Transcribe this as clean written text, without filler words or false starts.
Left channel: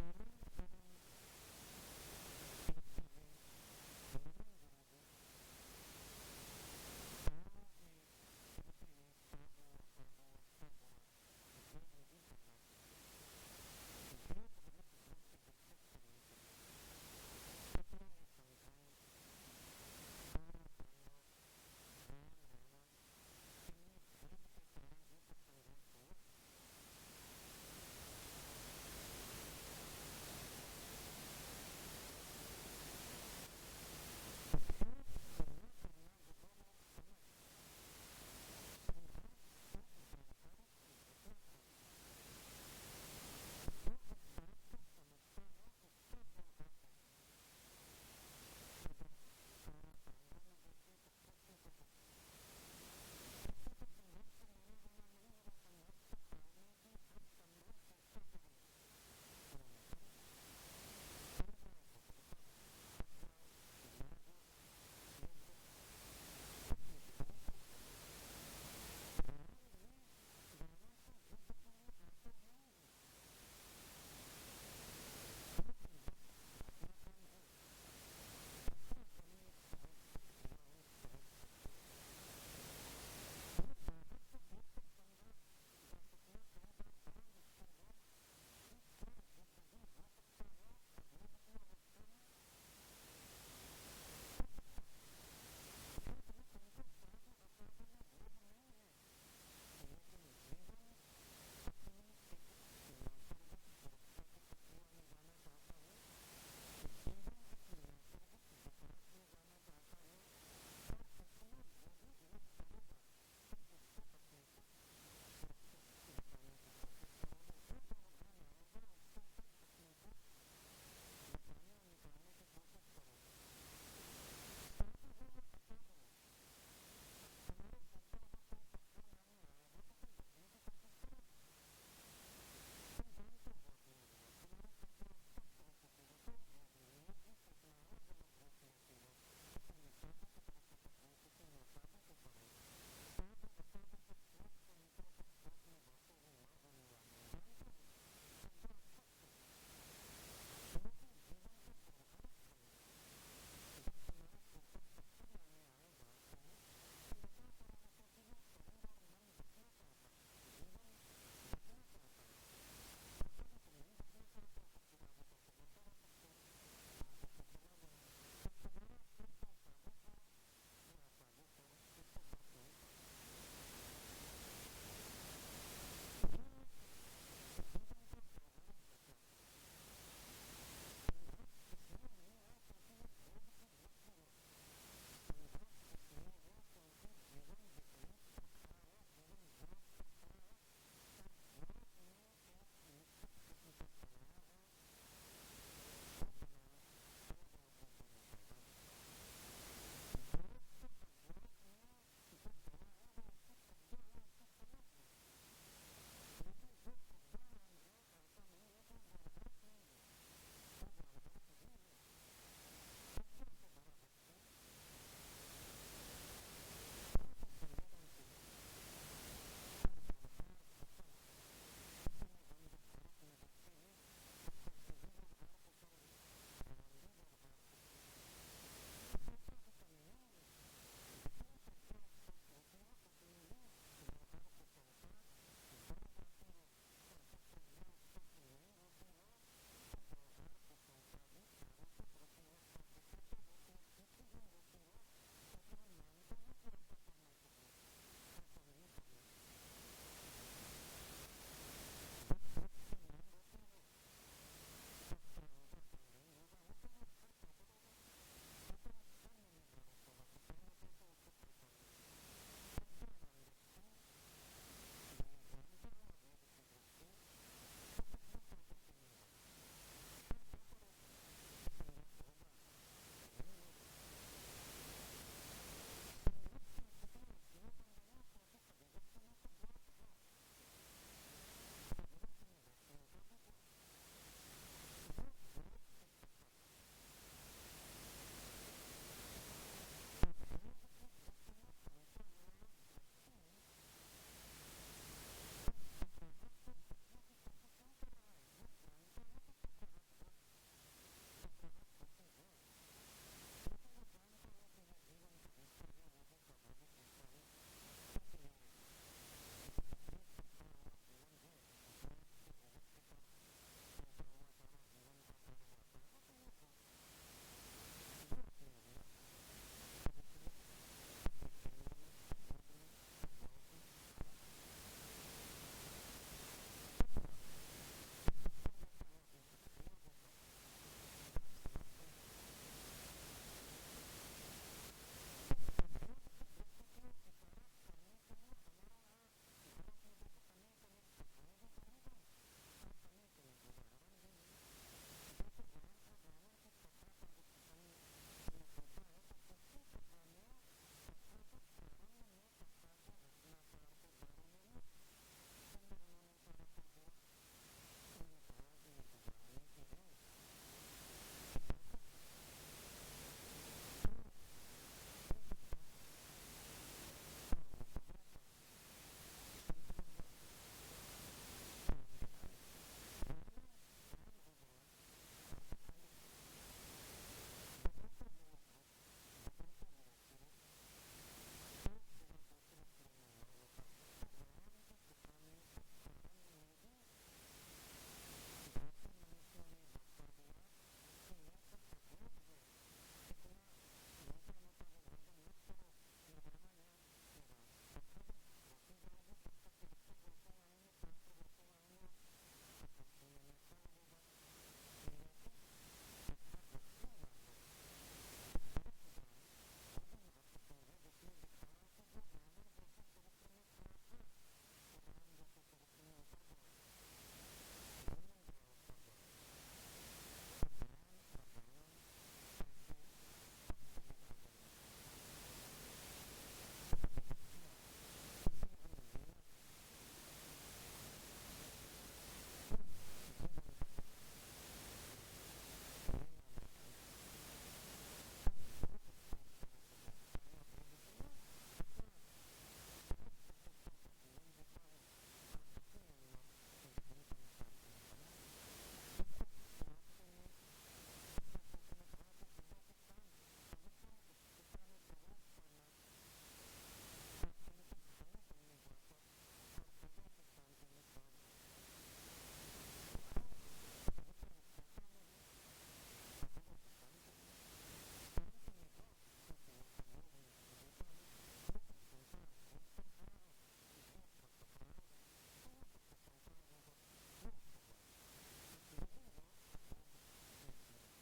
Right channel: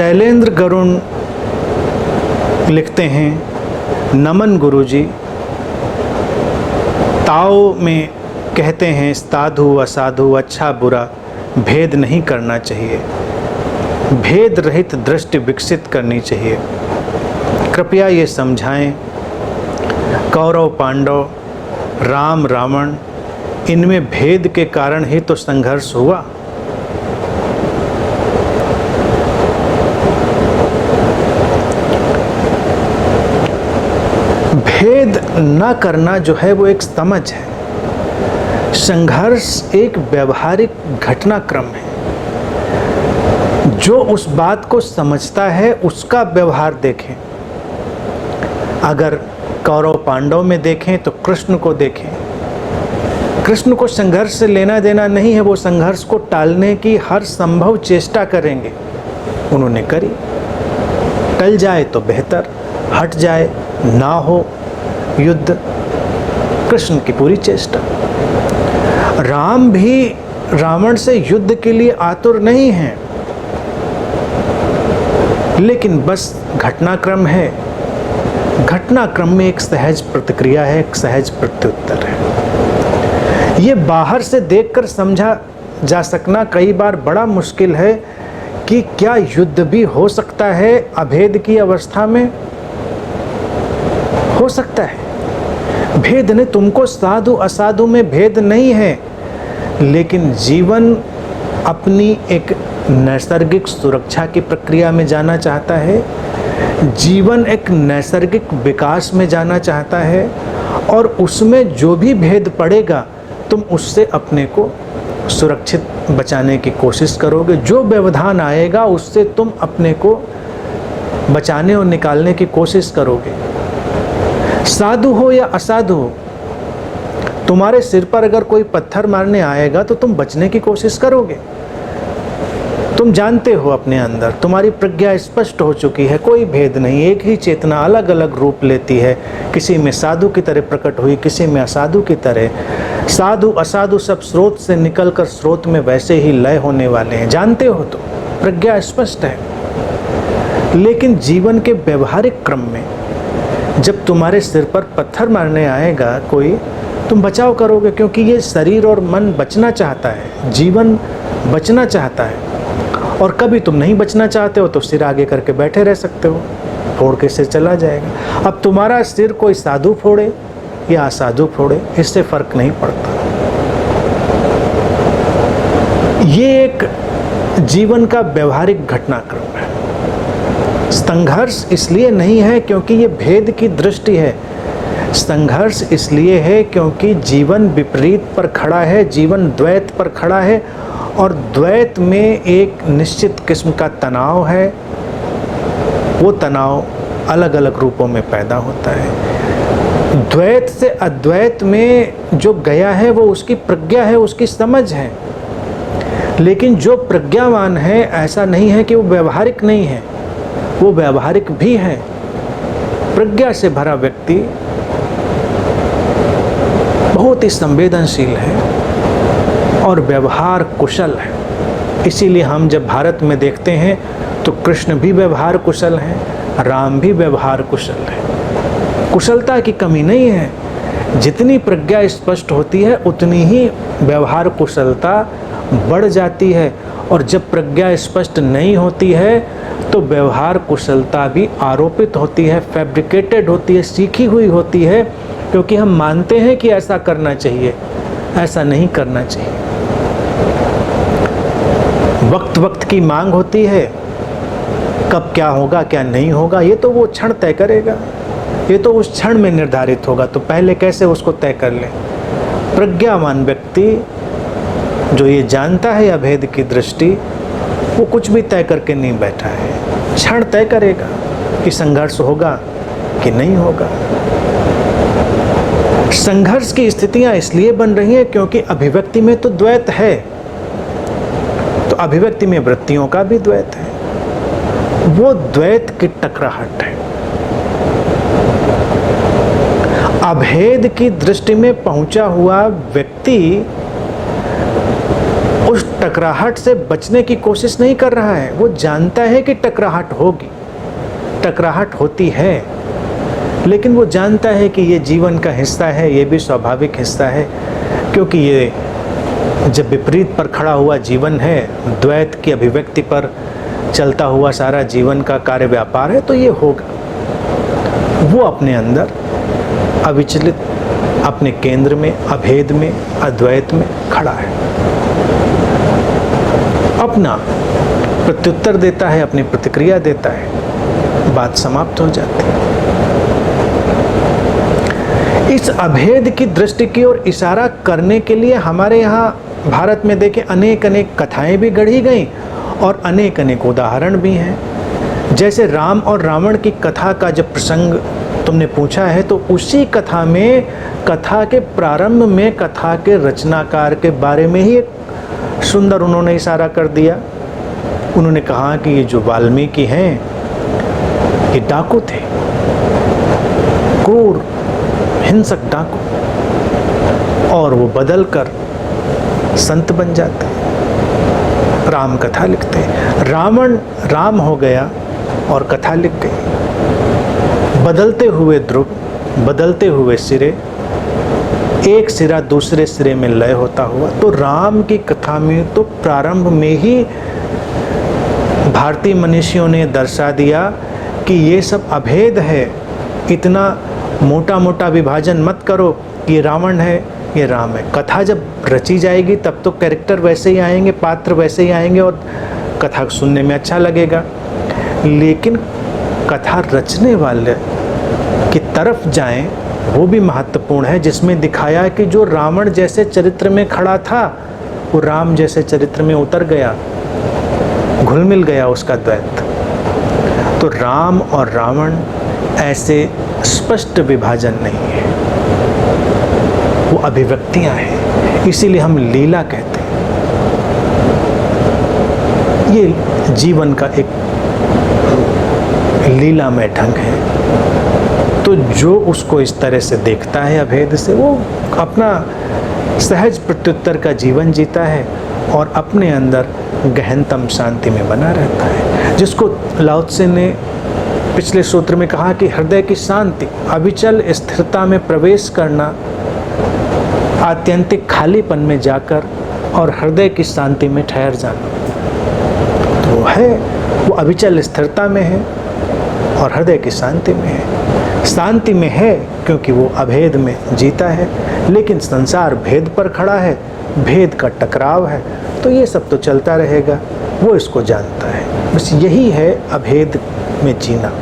शैलेंद्र गरुण लिखते हैं, नमन गुरुजी। ताओ में कहते हैं साधु असाधु अच्छा बुरा भेद नहीं करना चाहिए, भेद रहित दृष्टि विकसित करनी चाहिए। कृपया ये समझाएं, कौरव पांडव, राम रावण, इनमें भेद के कारण ही तो संघर्ष हुआ। भेद न करना जो है वो एक समझ है। संघर्ष एक व्यवहारिक घटनाक्रम है। जो उस बात को समझता है उसका व्यवहार देखें। अगर कौरव पांडव में देखें तो कृष्ण को देखें। कृष्ण को संघर्ष से लेना देना नहीं है, वो संघर्ष को टालने की हर संभव चेष्टा करेंगे। उन्होंने करी, टल जाए तो बेहतर, हट जाए ना हो युद्ध, कृष्ण की पूरी चेष्टा। राम भी रावण से युद्ध के लिए आतुर नहीं है, लेकिन बस घटनाक्रम है। घटनाक्रम में एक सहज प्रतिक्रिया है, एक सहज प्रत्युत्तर है। ये बाहर से देखकर समझा जा सकना कई बार बड़ा मुश्किल है कि क्या युद्ध भी हो सकता है अभेद की अवस्था में। हो सकता है। भेद ने तुमको साधु असाधु में भेद नहीं है, लेकिन जीवन अपनी एक नैसर्गिक सुरक्षा की प्रक्रिया में जाना चाहता है। जीवन एक नैसर्गिक विकास में जाना चाहता है, और उसमें जो भी भेद पड़ेगा तुम उससे अपने को सुरक्षित बचाने की कोशिश करोगे। जो व्यवधान आएगा उससे तुम अपने को बचाने और निकालने की कोशिश करोगे। साधु हो या असाधु हो, तुम्हारे सिर पर अगर कोई पत्थर मारने आएगा तो तुम बचने की कोशिश करोगे। तुम जानते हो अपने अंदर, तुम्हारी प्रज्ञा स्पष्ट हो चुकी है, कोई भेद नहीं, एक ही चेतना अलग अलग रूप लेती है। किसी में साधु की तरह प्रकट हुई, किसी में असाधु की तरह। साधु असाधु सब स्रोत से निकलकर स्रोत में वैसे ही लय होने वाले हैं, जानते हो तो, प्रज्ञा स्पष्ट है। लेकिन जीवन के व्यवहारिक क्रम में जब तुम्हारे सिर पर पत्थर मारने आएगा कोई, तुम बचाव करोगे, क्योंकि ये शरीर और मन बचना चाहता है, जीवन बचना चाहता है। और कभी तुम नहीं बचना चाहते हो तो सिर आगे करके बैठे रह सकते हो, फोड़ के सिर चला जाएगा। अब तुम्हारा सिर कोई साधु फोड़े या असाधु फोड़े, इससे फर्क नहीं पड़ता। ये एक जीवन का व्यवहारिक घटनाक्रम है। संघर्ष इसलिए नहीं है क्योंकि ये भेद की दृष्टि है। संघर्ष इसलिए है क्योंकि जीवन विपरीत पर खड़ा है, जीवन द्वैत पर खड़ा है, और द्वैत में एक निश्चित किस्म का तनाव है। वो तनाव अलग अलग रूपों में पैदा होता है। द्वैत से अद्वैत में जो गया है वो उसकी प्रज्ञा है, उसकी समझ है। लेकिन जो प्रज्ञावान है, ऐसा नहीं है कि वो व्यवहारिक नहीं है, वो व्यवहारिक भी है। प्रज्ञा से भरा व्यक्ति बहुत ही संवेदनशील है और व्यवहार कुशल है। इसीलिए हम जब भारत में देखते हैं तो कृष्ण भी व्यवहार कुशल हैं, राम भी व्यवहार कुशल है। कुशलता की कमी नहीं है। जितनी प्रज्ञा स्पष्ट होती है उतनी ही व्यवहार कुशलता बढ़ जाती है, और जब प्रज्ञा स्पष्ट नहीं होती है तो व्यवहार कुशलता भी आरोपित होती है, फैब्रिकेटेड होती है, सीखी हुई होती है, क्योंकि हम मानते हैं कि ऐसा करना चाहिए, ऐसा नहीं करना चाहिए। वक्त वक्त की मांग होती है, कब क्या होगा क्या नहीं होगा ये तो वो क्षण तय करेगा, ये तो उस क्षण में निर्धारित होगा। तो पहले कैसे उसको तय कर लें। प्रज्ञावान व्यक्ति जो ये जानता है अभेद की दृष्टि, वो कुछ भी तय करके नहीं बैठा है, क्षण तय करेगा कि संघर्ष होगा कि नहीं होगा। संघर्ष की स्थितियां इसलिए बन रही हैं क्योंकि अभिव्यक्ति में तो द्वैत है, तो अभिव्यक्ति में वृत्तियों का भी द्वैत है। वो द्वैत की टकराहट है। अभेद की दृष्टि में पहुंचा हुआ व्यक्ति उस टकराहट से बचने की कोशिश नहीं कर रहा है, वो जानता है कि टकराहट होगी, टकराहट होती है, लेकिन वो जानता है कि ये जीवन का हिस्सा है, ये भी स्वाभाविक हिस्सा है, क्योंकि ये जब विपरीत पर खड़ा हुआ जीवन है, द्वैत की अभिव्यक्ति पर चलता हुआ सारा जीवन का कार्य व्यापार है, तो ये होगा। वो अपने अंदर अविचलित, अपने केंद्र में, अभेद में, अद्वैत में खड़ा है, अपना प्रत्युत्तर देता है, अपनी प्रतिक्रिया देता है, बात समाप्त हो जाती है। इस अभेद की दृष्टि की ओर इशारा करने के लिए हमारे यहाँ भारत में देखें अनेक अनेक कथाएं भी गढ़ी गई और अनेक अनेक उदाहरण भी हैं। जैसे राम और रावण की कथा का जब प्रसंग तुमने पूछा है, तो उसी कथा में, कथा के प्रारंभ में कथा के रचनाकार के बारे में ही एक सुंदर उन्होंने इशारा कर दिया। उन्होंने कहा कि ये जो वाल्मीकि हैं, ये डाकू थे, क्रूर हिंसक डाकू, और वो बदल कर संत बन जाते, राम कथा लिखते। रावण राम हो गया और कथा लिख गई। बदलते हुए ध्रुव, बदलते हुए सिरे, एक सिरा दूसरे सिरे में लय होता हुआ। तो राम की कथा में तो प्रारंभ में ही भारतीय मनीषियों ने दर्शा दिया कि ये सब अभेद है, इतना मोटा मोटा विभाजन मत करो, ये रावण है, ये राम है। कथा जब रची जाएगी तब तो कैरेक्टर वैसे ही आएंगे, पात्र वैसे ही आएंगे और कथा सुनने में अच्छा लगेगा। लेकिन कथा रचने वाले की तरफ जाएं, वो भी महत्वपूर्ण है, जिसमें दिखाया कि जो रावण जैसे चरित्र में खड़ा था, वो राम जैसे चरित्र में उतर गया, घुल मिल गया उसका द्वैत। तो राम और रावण ऐसे स्पष्ट विभाजन नहीं है, वो अभिव्यक्तियां हैं, इसीलिए हम लीला कहते हैं। ये जीवन का एक लीलामय ढंग है। तो जो उसको इस तरह से देखता है अभेद से, वो अपना सहज प्रत्युत्तर का जीवन जीता है और अपने अंदर गहनतम शांति में बना रहता है, जिसको लाओ त्से ने पिछले सूत्र में कहा कि हृदय की शांति, अविचल स्थिरता में प्रवेश करना, आत्यंतिक खालीपन में जाकर और हृदय की शांति में ठहर जाना। तो वो है, वो अविचल स्थिरता में है और हृदय की शांति में है। शांति में है क्योंकि वो अभेद में जीता है, लेकिन संसार भेद पर खड़ा है, भेद का टकराव है, तो ये सब तो चलता रहेगा, वो इसको जानता है। बस यही है अभेद में जीना।